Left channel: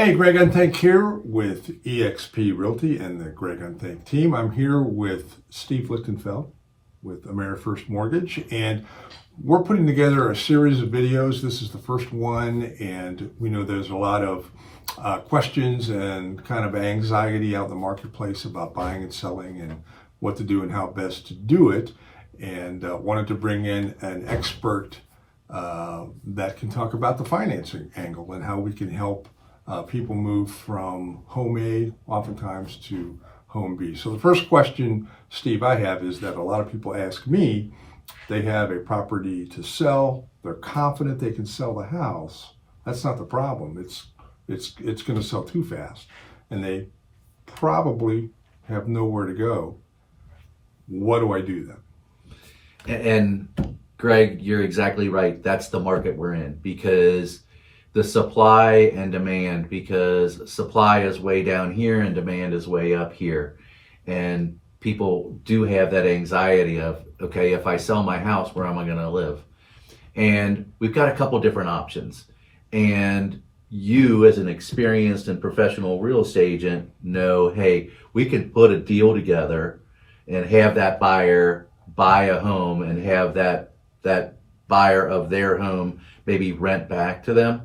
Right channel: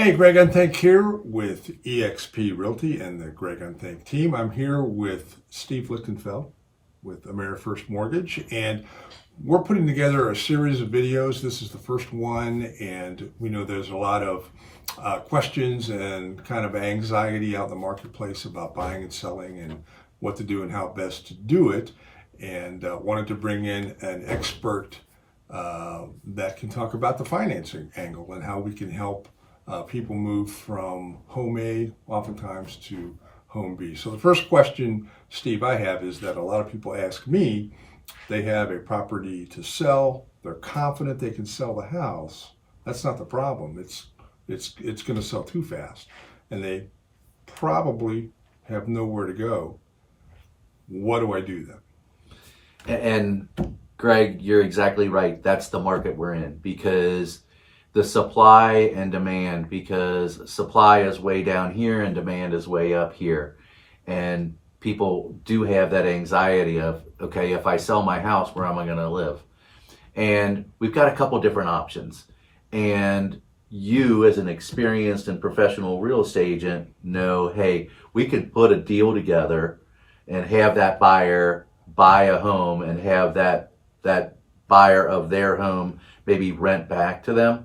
Hey, Greg Unthank here with EXP Realty and the Greg Unthank team. I'm here with Steve Loechtenfeldt with Amerifirst Mortgage, and we're putting together a series of videos. This is the first one, and we know there's a lot of questions and kind of anxiety out in the marketplace about buying and selling and what to do and how best to do it, and wanted to bring in an expert that can talk about the financing angle and how we can help people move from home A oftentimes to home B. So the first question, Steve, I have is that a lot of people ask me, they have a property to sell, they're confident they can sell the house. That's not the problem. It's going to sell too fast, and they probably have nowhere to go. What do I do then? And Greg, you're exactly right. That's the market we're in, because the supply and demand, because supply is way down here and demand is way up here. And people do have that anxiety of, okay, if I sell my house, where am I going to live? And we've got a couple different options. And you, as an experienced and professional real estate agent, know, hey, we can put a deal together and have that buyer buy a home and have that buyer of their home maybe rent back to them.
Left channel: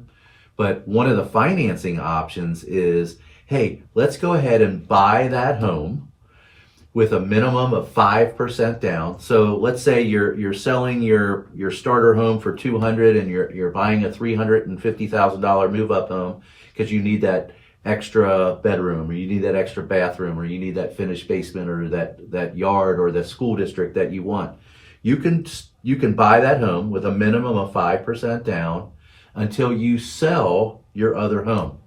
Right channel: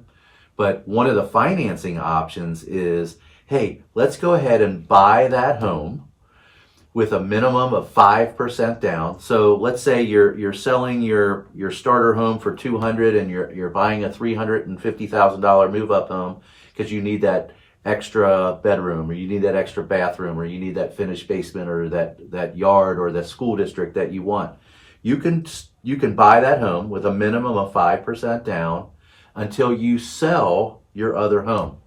But one of the financing options is, hey, let's go ahead and buy that home with a minimum of 5% down. So let's say you're selling your starter home for $200,000 and you're buying a $350,000 move-up home because you need that extra bedroom, or you need that extra bathroom, or you need that finished basement, or that yard, or the school district that you want. You can buy that home with a minimum of 5% down until you sell your other home.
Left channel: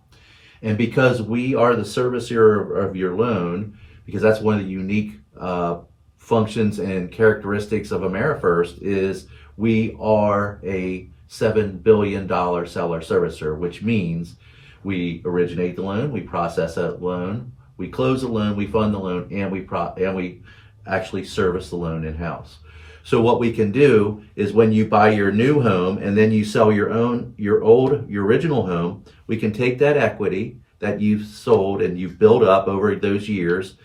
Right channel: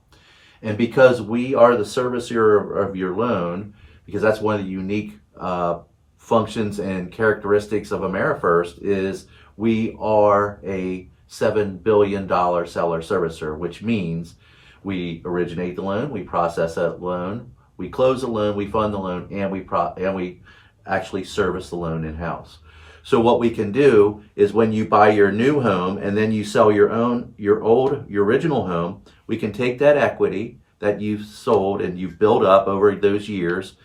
And because we are the servicer of your loan, because that's one of the unique functions and characteristics of Amerifirst, is we are a $7 billion seller servicer, which means we originate the loan, we process that loan, we close the loan, we fund the loan, and we actually service the loan in-house. So what we can do is, when you buy your new home and then you sell your original home, we can take that equity that you've sold and you've built up over those years.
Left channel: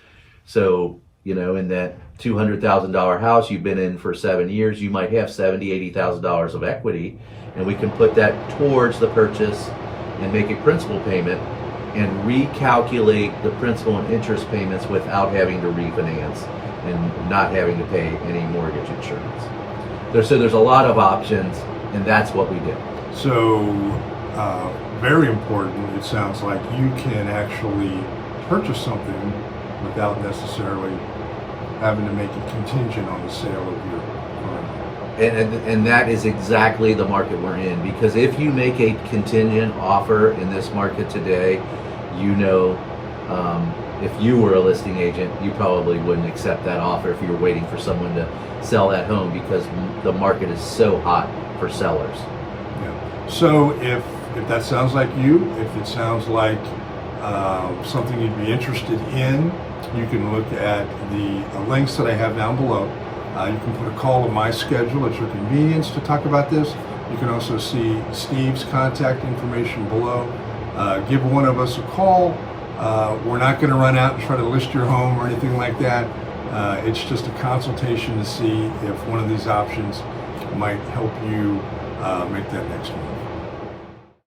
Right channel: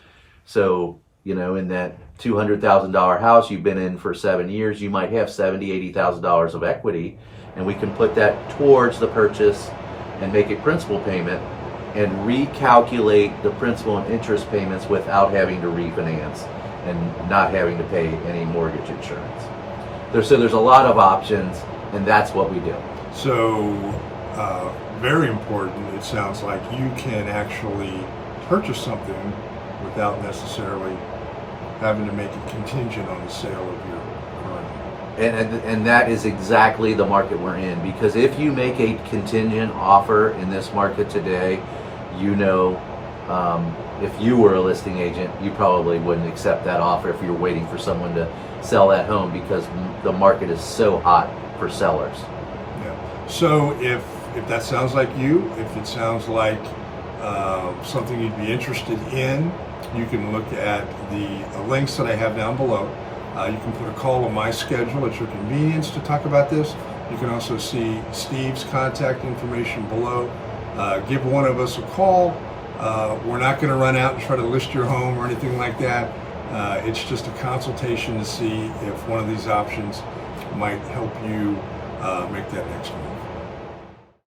So, in that $200,000 house you've been in for 7 years, you might have $70,000, $80,000 of equity, and we can put that towards the purchase and make a principal payment and recalculate the principal and interest payments without having to refinance and not having to pay any mortgage insurance. So there's a lot of options, and that's what we do. So very important, it sounds like you can actually purchase something without necessarily having to make it contingent on the sale of your current home. And that is exactly the market we're in, because if you make a contingent offer in this market today, if you were a listing agent, you probably wouldn't accept that offer if you were waiting for someone to sell that home, because the market is so hot for sellers. Yeah. So if that sounds like you, if it sounds like something you'd be interested in, you can look at the links that I have down below. You can put a call on my schedule at your convenience to talk about this. You can also see Steve's contact information below. Give one of us a call. We're not going to run out and try to list your home or anything like that. It's just a consultation to see if one of these options might help you make that next move.